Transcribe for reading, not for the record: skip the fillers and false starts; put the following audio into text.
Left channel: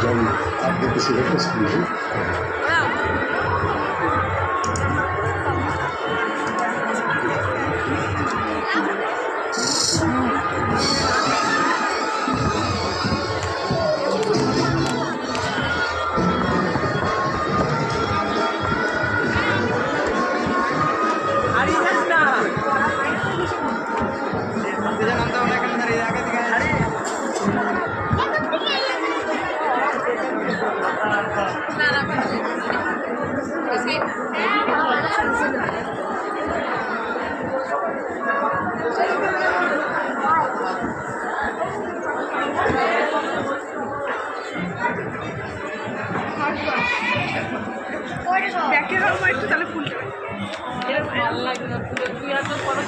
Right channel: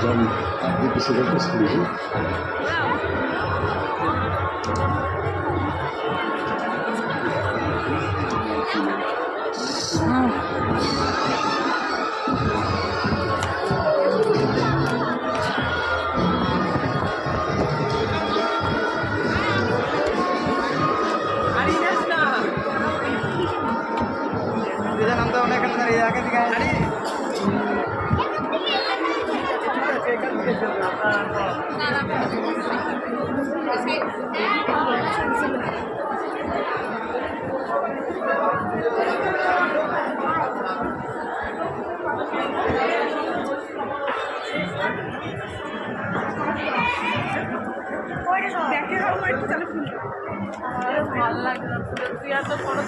J'arrive. Dès que c'est vrai, c'est le jeu. ব্যাকে খাও একটু তাহলে ফুলটা ভালো লাগে না তুই আর তো পরে